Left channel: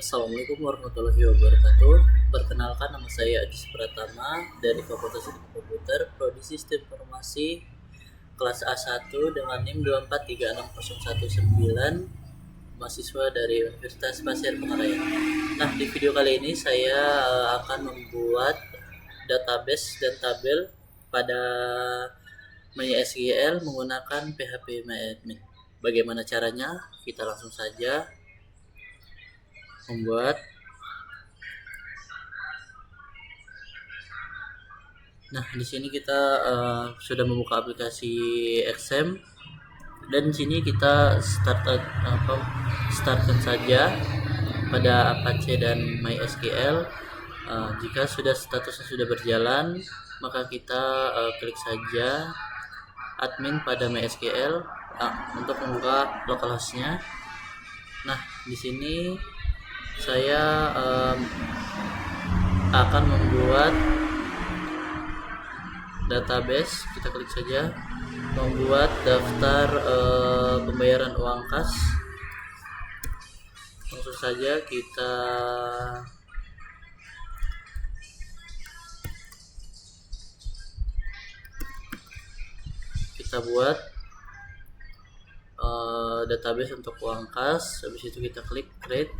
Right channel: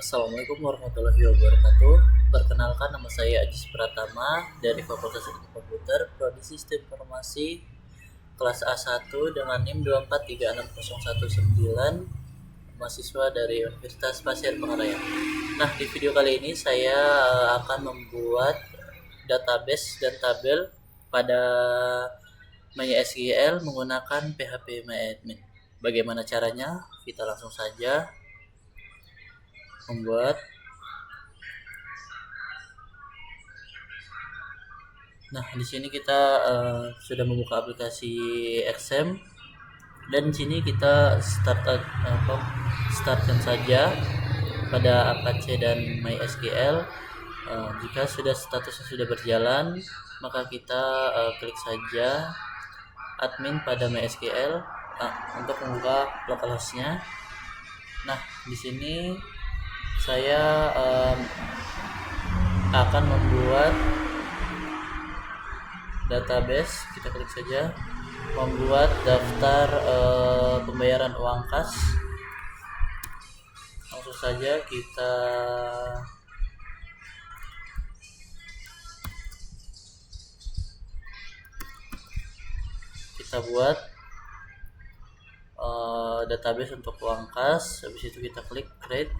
Assalamualaikum warahmatullahi wabarakatuh. Perkenalkan, nama saya Ajis Pratama dari Fakultas Ilmu Komputer, Prodi Sistem Informasi, kelas A1 dengan NIM 2436019, mahasiswa dari Universitas Pasir Pengarayan. Nah, di video kali ini saya akan membuat database dan tabel pada MySQL menggunakan PHP MyAdmin. Bagaimana caranya? Kita langsung saja membuat. Nah, di sini kita sudah membuka aplikasi XM, dan di sini kita startkan saja pada Apache dan MySQL. Jika statusnya sudah berjalan, maka kita klik saja admin pada MySQL untuk membuka localhost-nya. Nah, di sini saya akan membuat database. Kita klik saja membuat daftar pembayaran uang kas. Langsung saja kita buat database untuk uang kas. Habis itu kita klik create.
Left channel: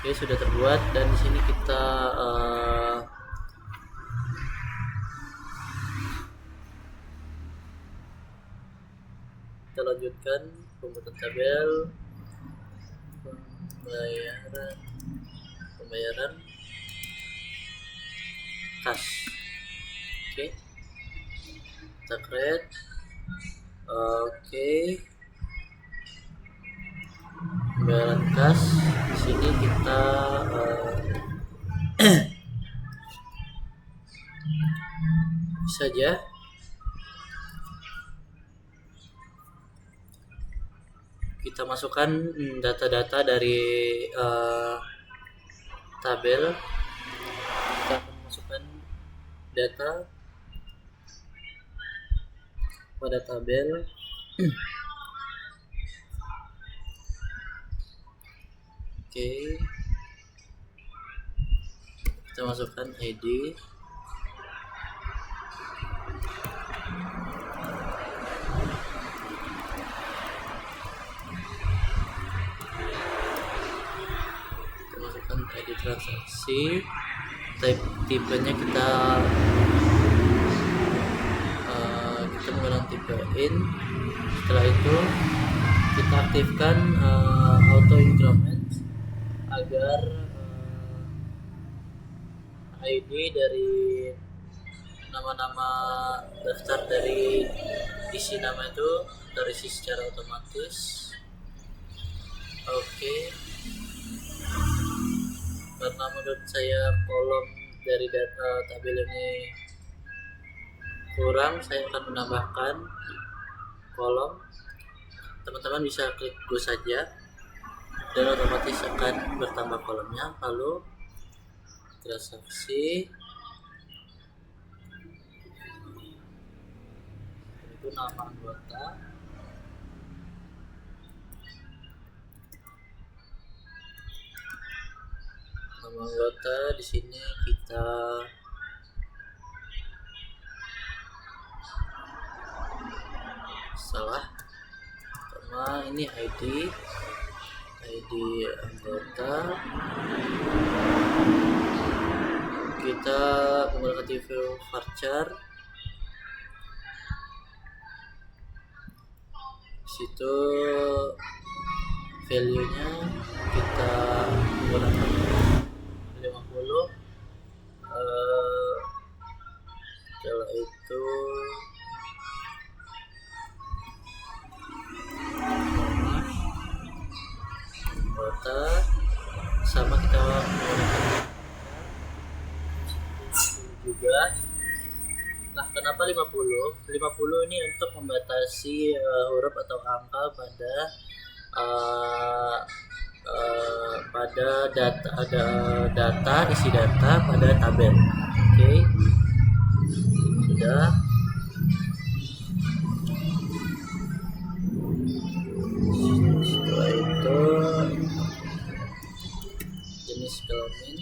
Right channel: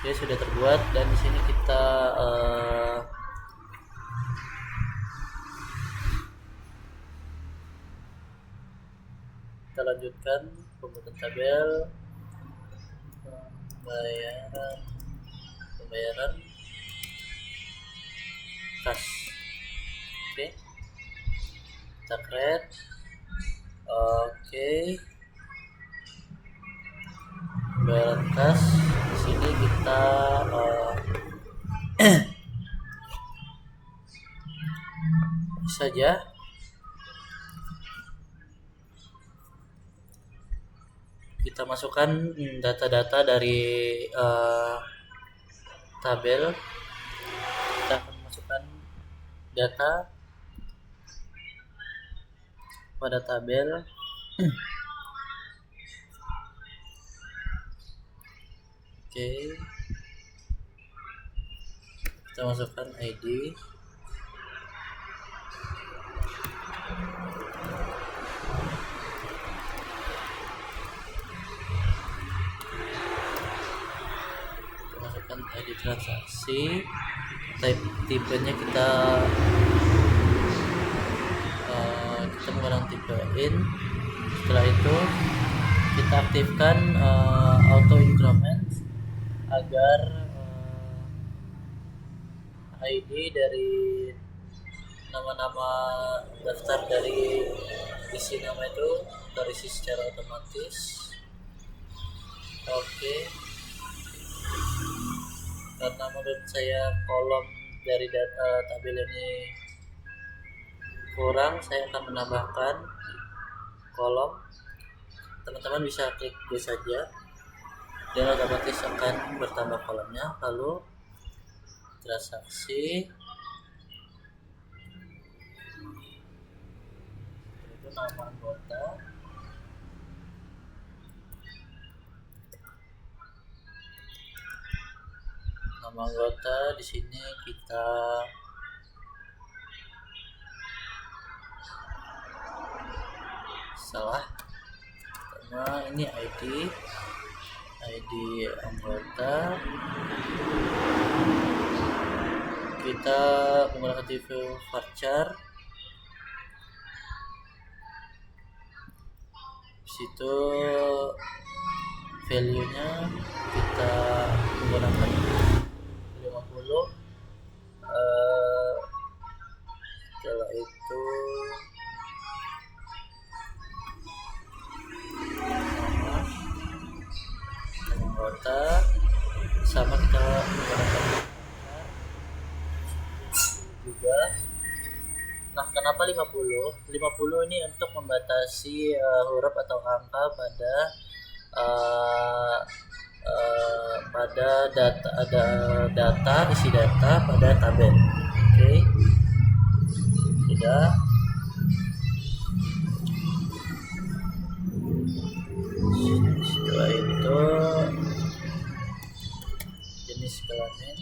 Oke, sudah terbuat, dan di sini kita lanjutkan pembuatan tabel pembayaran kas. Oke, kita create. Oke, pembayaran kas. Di sini kita saja kita masukkan data-data dari tabel. Kita akan masukkan data pada tabel. Oke, kita masukkan ID. Masukkan ID transaksi, tipenya kita menggunakan tipe in. Setelah itu kita aktifkan auto increment agar ID dari nama-nama daftar dari isi nama itu terisi secara otomatis. Oke, karena menurut saya kolom dari data tabel ini kurang, saya akan menambahkan kolom. Teman-teman bisa klik go saja dan otomatis akan bertambah kolomnya. Lalu transaksi, itu nama anggota, di sini kita salah, sama ini ID anggota. Kita menggunakan TV varchar. Situ value-nya kita menggunakan 50. Setelah itu nama anggota, sama kita menggunakan juga. Nah, kenapa 50? 50 ini untuk membatasi huruf atau angka pada data isi data pada tabel. Oke, sudah. Setelah itu jenis kelamin,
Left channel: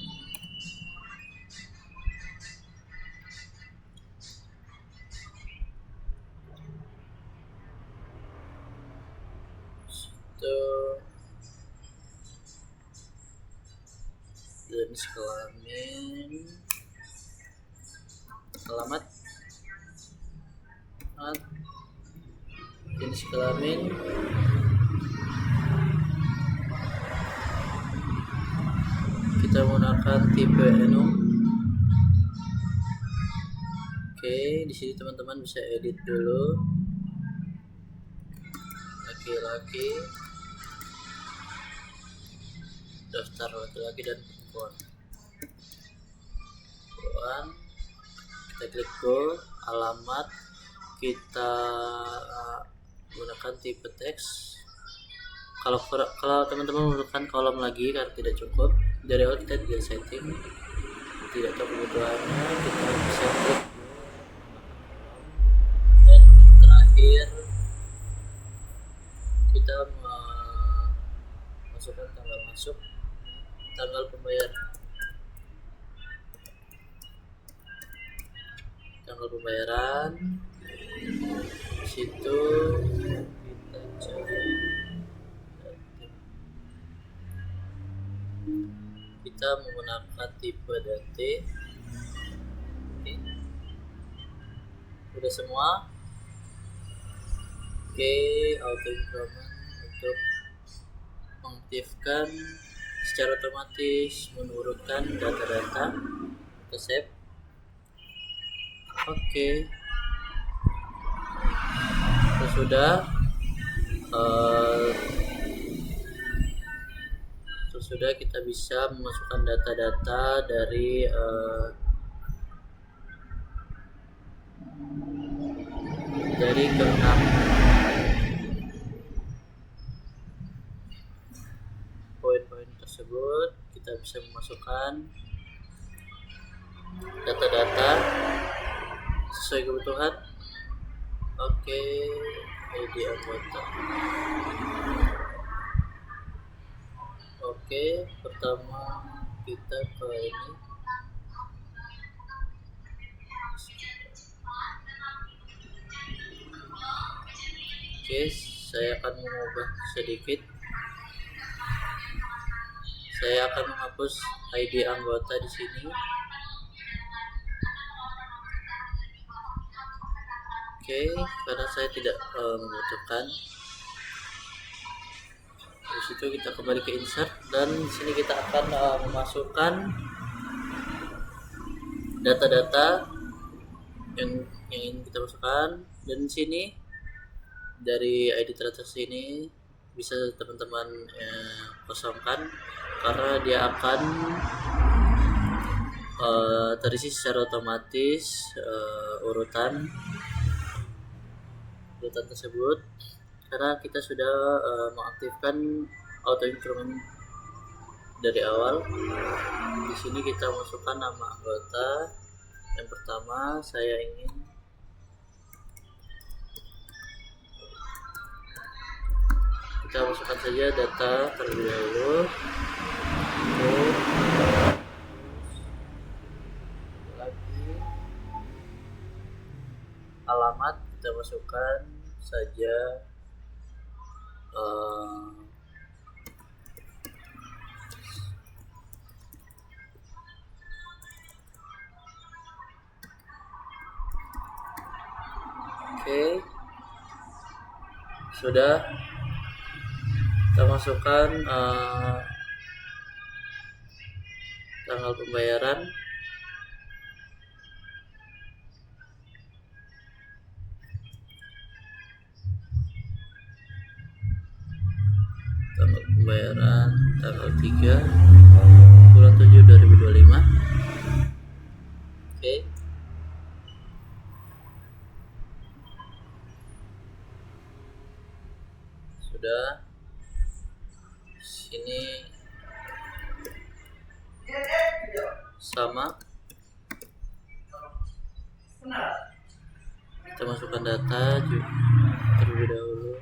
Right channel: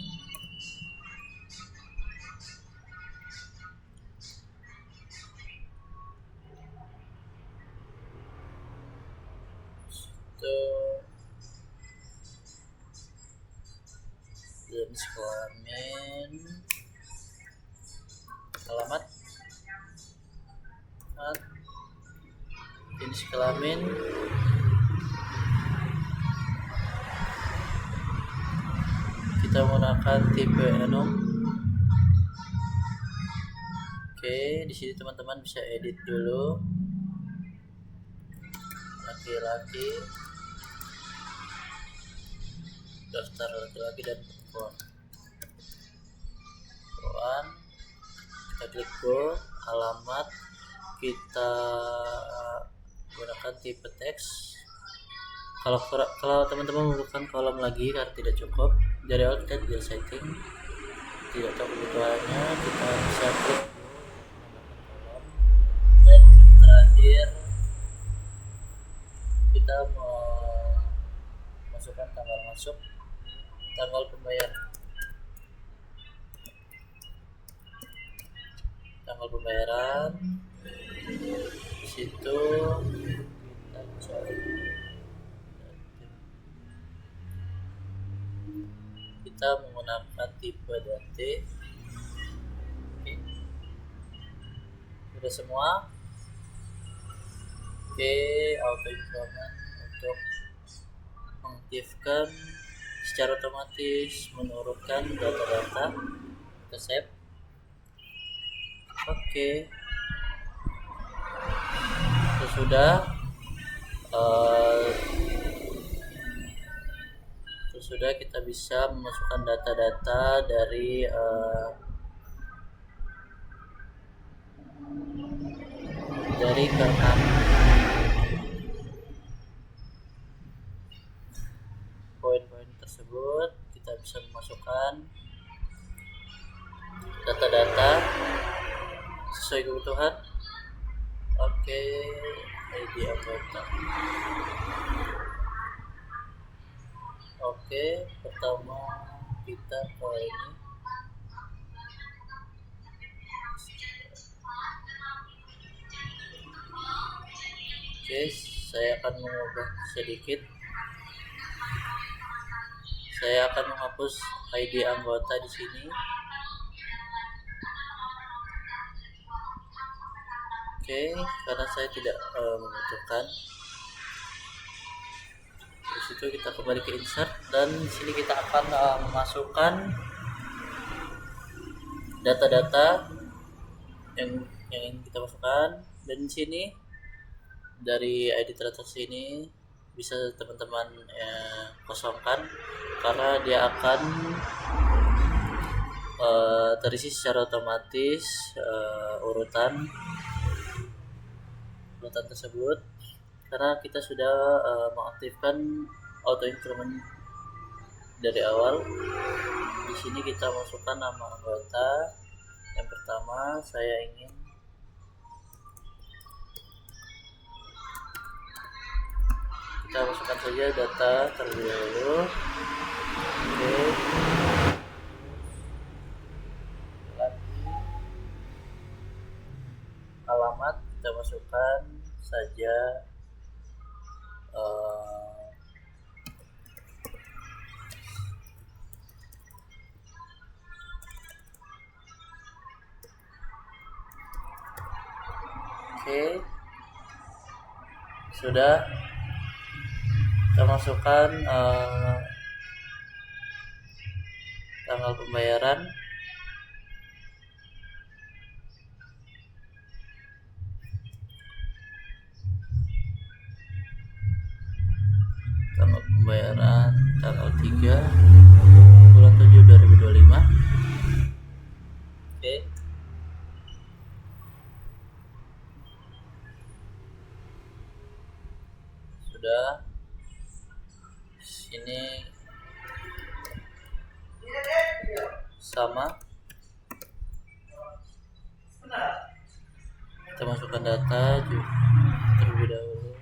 itu jenis kelamin, alamat, jenis kelamin, kita menggunakan tipe enum. Oke, di sini teman-teman bisa edit dulu. Laki-laki, daftar laki-laki dan perempuan. Kita klik go. Alamat, kita gunakan tipe teks. Kalau teman-teman menggunakan kolom lagi karena tidak cukup, dari awal kita tidak setting, tidak tahu kebutuhannya, kita bisa klik menambahkan kolom. Dan terakhir kita masukkan tanggal masuk, tanggal pembayaran. Di situ kita cari datum. Kita menggunakan tipe date. Oke. Sudah semua. Oke, auto increment untuk mengaktifkan secara otomatis menurunkan data-data. Kita save. Oke. Sudah kita bisa memasukkan data-data dari ke-6 poin-poin tersebut. Kita bisa memasukkan data-data sesuai kebutuhan. Oke, ID anggota. Oke, pertama kita ke ini. Oke, saya akan mengubah sedikit. Saya akan menghapus ID anggota di sini. Oke, karena saya tidak membutuhkan. Di situ kita kembali ke insert, dan di sini kita akan memasukkan data-data yang ingin kita masukkan. Dan di sini dari ID transaksi ini bisa teman-teman kosongkan karena dia akan terisi secara otomatis urutan tersebut, karena kita sudah mengaktifkan auto increment dari awal. Di sini kita masukkan nama anggota. Yang pertama saya ingin kita masukkan saja data terlebih dahulu. Oke, lagi alamat kita masukkan saja oke, sudah kita masukkan tanggal pembayaran. Tanggal 3 bulan 7 2025. Oke. Sudah. Sini sama. Kita masukkan data terlebih dahulu.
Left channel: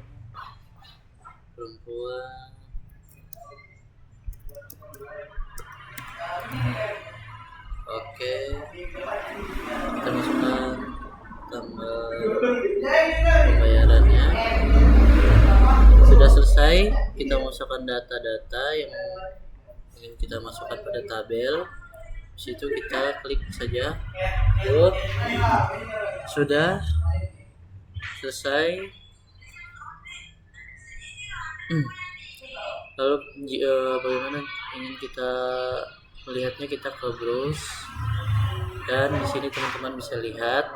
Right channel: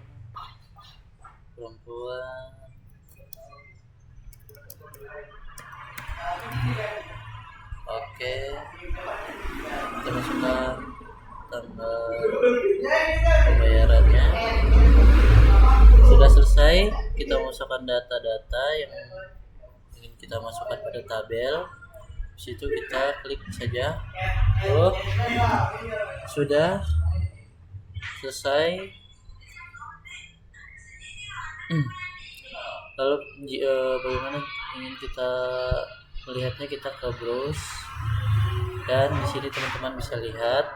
Perempuan. Oke, kita masukkan tanggal pembayarannya. Sudah selesai, kita masukkan data-data yang ingin kita masukkan pada tabel. Di situ kita klik saja. Sudah selesai. Lalu bagaimana ingin kita melihatnya, kita ke browse, dan di sini teman-teman bisa lihat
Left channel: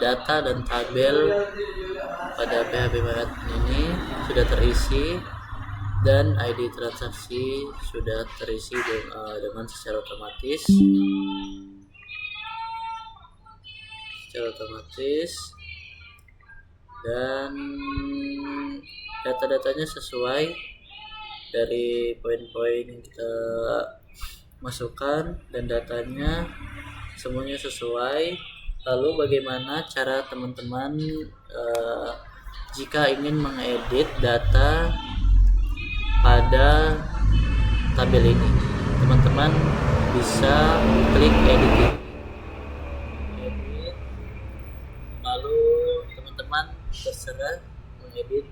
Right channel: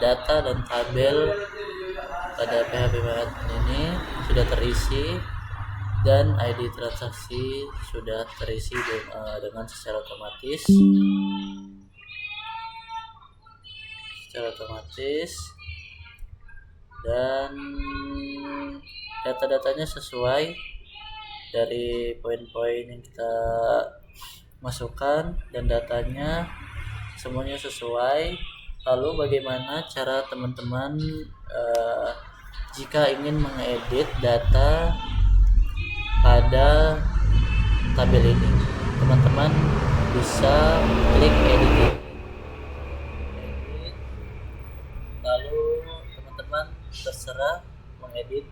data dan tabel pada PHP MyAdmin ini sudah terisi dan ID transaksi sudah terisi dengan secara otomatis. Dan data-datanya sesuai dari poin-poin yang kita masukkan, dan datanya semuanya sesuai. Lalu bagaimana cara teman-teman jika ingin mengedit data pada tabel ini? Teman-teman bisa klik edit, lalu teman-teman terserah mengedit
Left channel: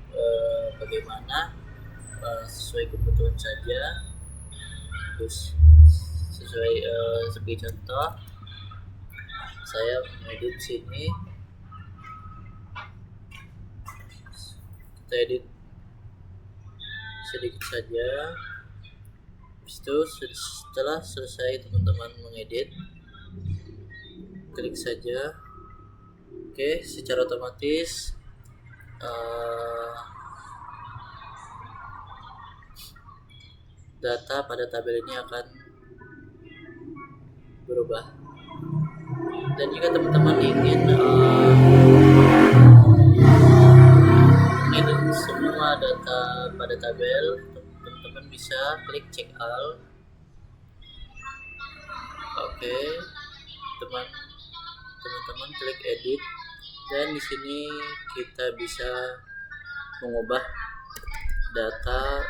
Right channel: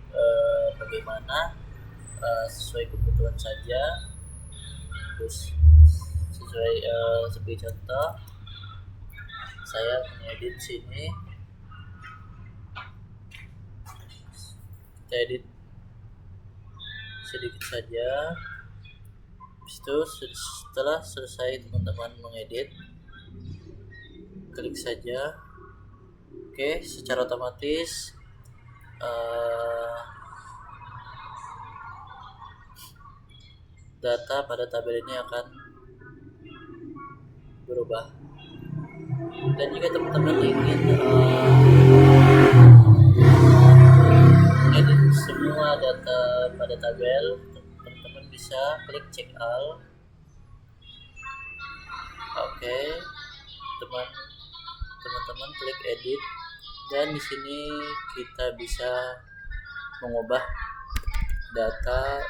bagaimana, sesuai kebutuhan saja. Terus sesuai sebagai contoh, saya mengedit sini, kita edit sedikit saja. Habis itu setelah selesai teman-teman mengedit, klik saja. Oke, secara otomatis data pada tabel ini akan berubah. Dan jika teman-teman ingin edit semua data pada tabel, teman-teman bisa klik check all. Oke, teman-teman klik edit, dan di sini kita bisa mengubah data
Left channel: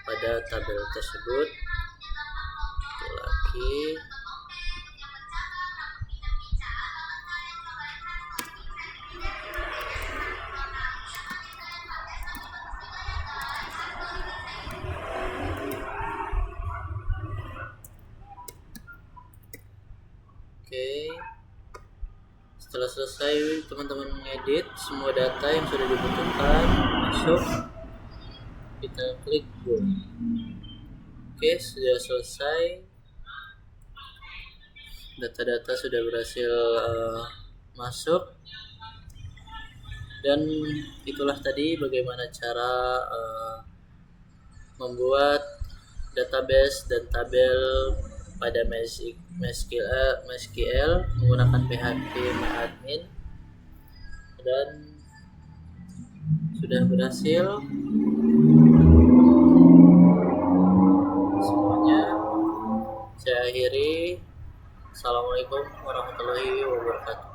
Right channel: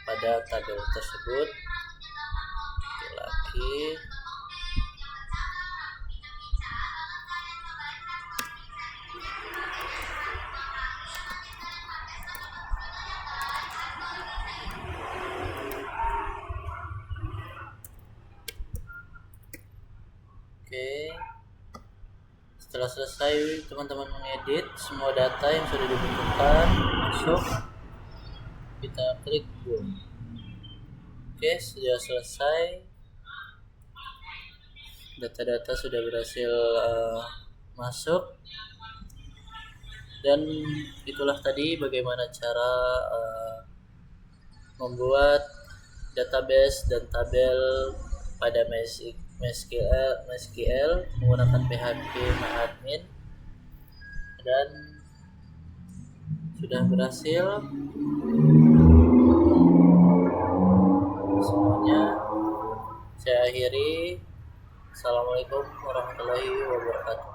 pada tabel tersebut. Lagi Oke, setelah selesai teman-teman mengedit semua data yang sudah dibutuhkan masuk, kita klik go. Oke, sudah selesai, data-data sudah berhasil masuk. Dan itulah tadi bagaimana cara membuat database dan tabel pada MySQL menggunakan PHP MyAdmin, dan sudah berhasil semuanya. Saya akhiri. Assalamualaikum warahmatullahi wabarakatuh.